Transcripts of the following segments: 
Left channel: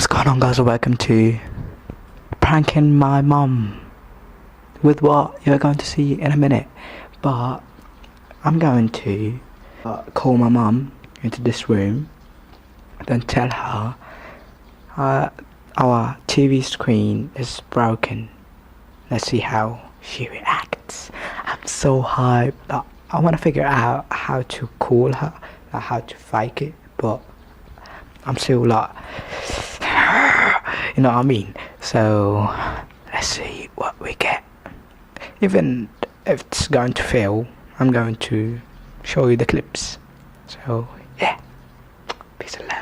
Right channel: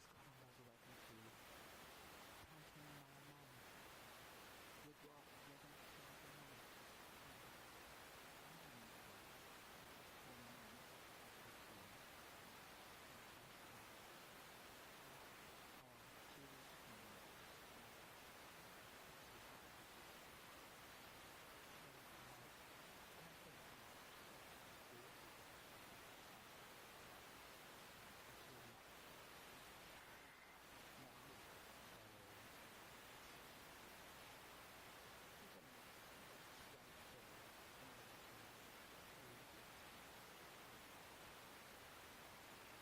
What's going on, guys? Welcome to pranking my mum with what you're going to see in a minute. But I'm going to call my mum into this room, then tell her our TV screen is broken. Let's see how she reacts. I'm so hyped. I want to figure out how to call her, how to fake it, but I'm still like, you know what I mean? So let's see what we get. Even if it's going to fail, I'm going to show you the clips. So yeah, peace and love.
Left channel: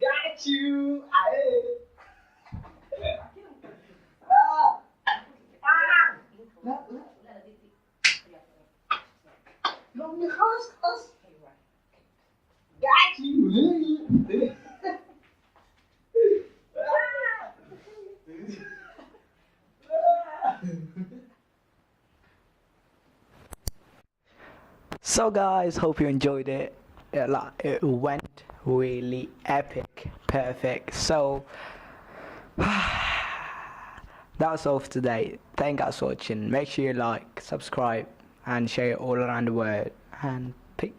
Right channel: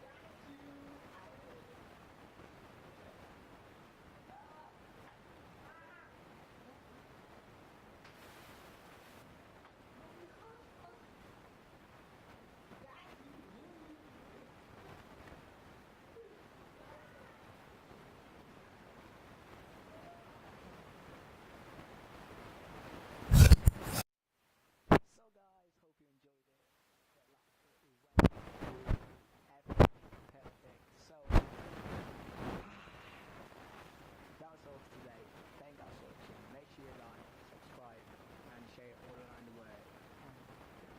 Got you. Got you. So guys, hope you enjoyed it. It went really epic, perfect. So that's all for today. Thank you guys for watching. Make sure you like, subscribe, and share it all around the world. And peace.